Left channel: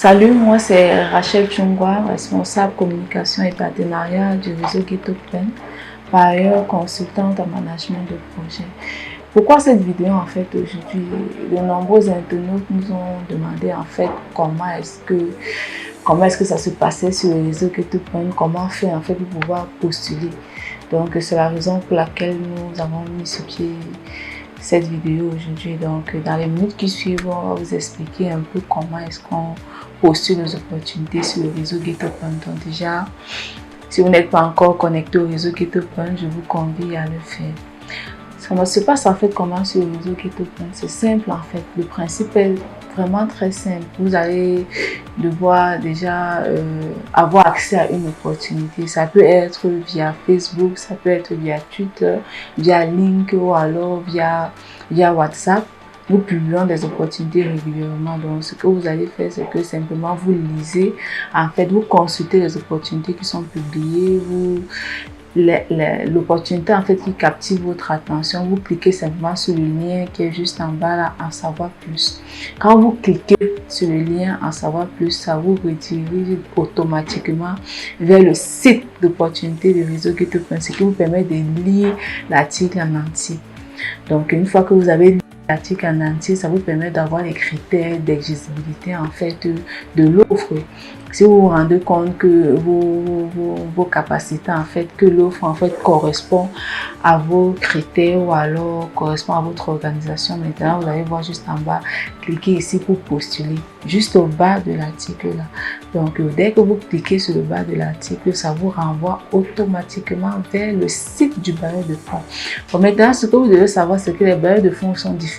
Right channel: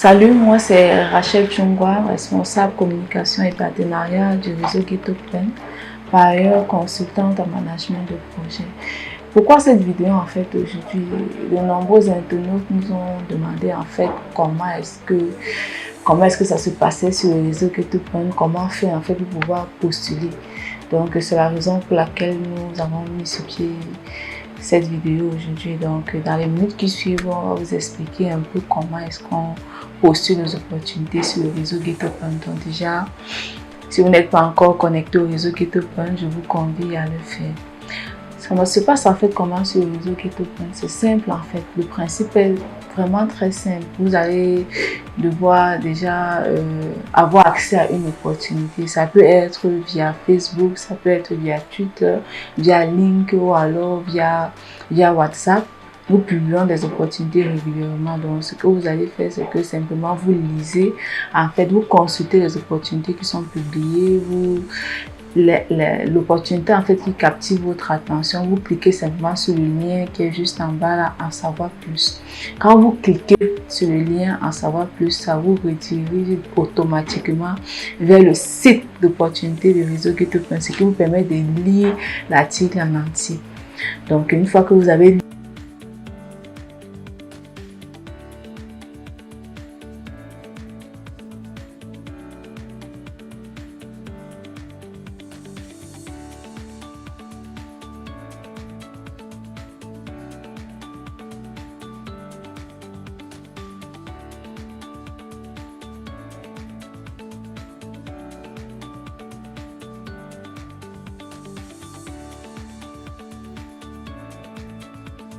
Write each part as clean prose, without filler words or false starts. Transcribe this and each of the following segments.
Salut, moi c'est Rachel Chungwa, responsable communication et partenariat du réseau GetOpen, par ailleurs consultante en management de projet. Pourquoi cette vidéo en fait aujourd'hui? De nombreux internautes nous ont demandé en fait comment est-ce que ça se passait sur le réseau GetOpen, comment faire en fait pour pouvoir postuler. Donc c'est la raison pour laquelle nous avons mis sur pied cette vidéo aujourd'hui. Donc dans les minutes qui suivent, on va vous expliquer un peu comment est-ce qu'on postule nos opportunités sur le réseau GetOpen. Donc déjà, si vous n'êtes pas encore connecté au réseau GetOpen, je vous convie à le faire. Ça se passe en fait comment sur le réseau GetOpen? C'est simple en fait, le principe est vraiment très simple. Vous allez devoir déjà avoir accès à une opportunité. Ça peut être via Facebook, ça peut être via Twitter, via LinkedIn ou alors via WhatsApp. Nous publions des opportunités régulièrement. Donc, ce que vous allez faire, c'est que simplement vous lisez. En fait, vous consultez les opportunités qui sont publiées. L'opportunité en fait qui captive votre attention, vous cliquez simplement sur le lien qui est juste en bas là, en savoir plus. Quand vous cliquez sur le lien en savoir plus, ça vous redirige automatiquement vers le site d'opportunité du réseau GetOpen, ce qui vous permet de lire l'article en entier. Donc une fois que vous avez lu l'article en entier, ça vous permet d'avoir les critères d'éligibilité en fait de l'offre. Si vous vous rendez compte que vos capacités en fait, que l'offre en fait correspond à vos critères ou alors correspond à votre organisation, maintenant vous allez voir juste en bas, cliquez ici pour postuler, juste au bas de l'article là. Donc dès que vous cliquez sur le bas de l'article, ça vous renvoie automatiquement vers le site du bailleur de fonds. Bon, maintenant ce que vous devez savoir, c'est que les bailleurs de fonds sont différents.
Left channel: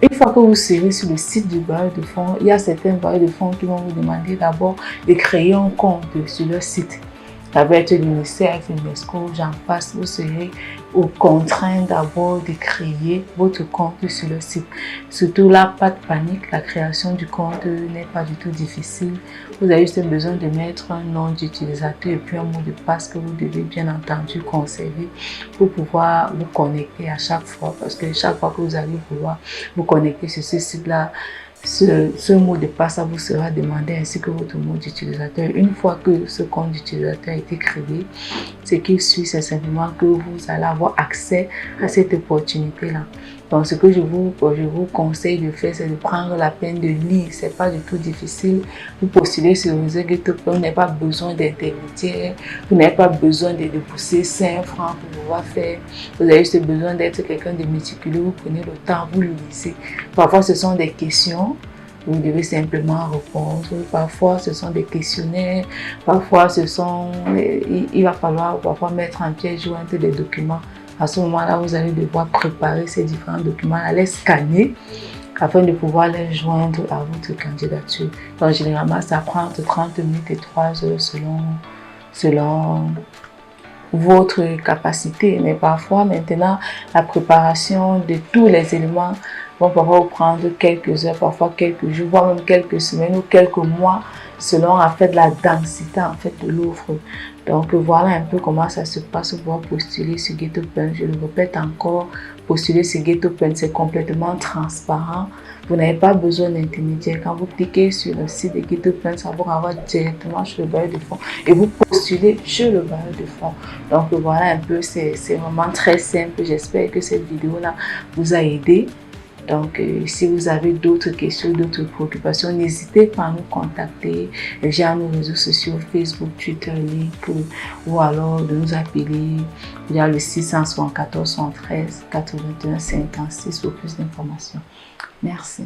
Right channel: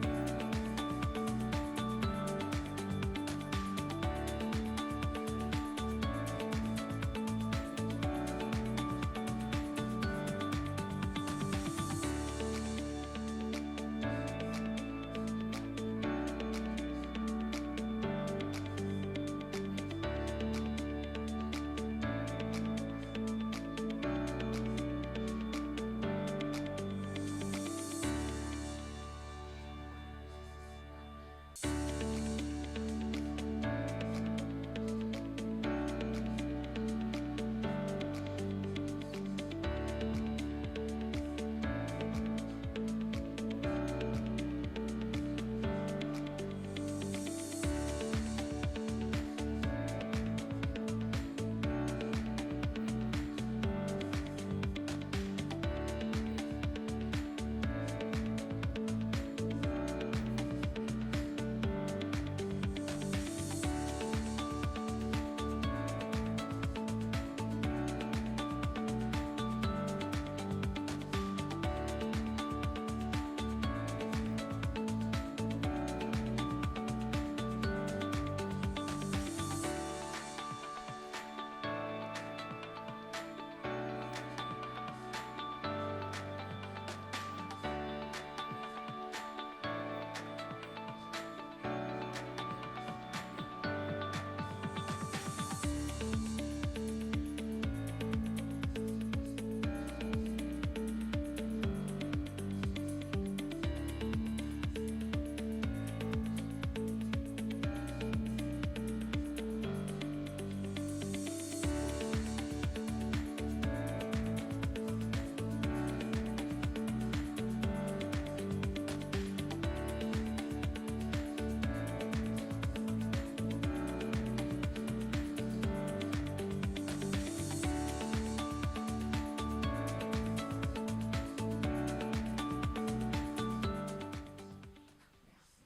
Une fois que vous serez sur le site du bailleur de fonds, il y a certains bailleurs de fonds qui vont vous demander d'abord de créer un compte sur leur site. Ça va être l'UNICEF, l'UNESCO, j'en passe. Vous serez contraint d'abord de créer votre compte sur le site. Surtout là, pas de panique, la création du compte n'est pas du tout difficile. Vous avez juste besoin de mettre un nom d'utilisateur et puis un mot de passe que vous devez bien entendu conserver pour pouvoir vous connecter à chaque fois. Parce que chaque fois que vous allez vouloir vous connecter sur ce site-là, ce mot de passe vous sera demandé ainsi que votre mot d'utilisateur. Une fois que ce compte d'utilisateur a été créé, ce qui suit, c'est simplement que vous allez avoir accès à cette opportunité-là. Donc, ce que je vous conseille de faire, c'est de prendre la peine de lire. Ce n'est pas du tout difficile. Vous postulez sur le réseau GetOpen, vous n'avez pas besoin d'intermédiaire, vous n'avez pas besoin de débourser 5 francs pour pouvoir faire. Vous avez juste besoin d'être quelqu'un de méticuleux, vous prenez le temps, vous lisez. Parfois, ce sont des questions. Vous devez simplement répondre. Parfois, ce sont des questionnaires. Parfois, il va falloir parfois mettre en pièce jointe des documents. À ce moment-là, vous allez devoir préparer ces différents documents, les scanner afin de pouvoir les joindre à votre candidature. Donc, généralement, ça prend entre 30 minutes et 3 heures selon votre capacité. Mais parfois, maintenant, la préparation de tous les éléments vont parfois vous prendre quelques heures, parfois quelques jours, voire même quelques semaines ou quelques mois, selon en fait la densité en fait de l'offre. Donc voilà un peu comment ça se passe pour postuler sur GetOpen. Je le répète encore, postuler sur GetOpen, c'est complètement transparent. Vous n'avez pas besoin d'intermédiaire. Quand vous cliquez sur le site de GetOpen, ça vous renvoie directement sur le bailleur de fonds et vous postulez chez le bailleur de fonds. Donc voilà un peu, c'est vraiment très simple. J'espère que cette vidéo-là vous a aidé. Donc, si vous avez d'autres questions, d'autres préoccupations, n'hésitez pas à nous contacter via nos réseaux sociaux, Facebook, Twitter, LinkedIn, ou alors de nous appeler via le 674 113 81 56 pour plus d'informations. Merci.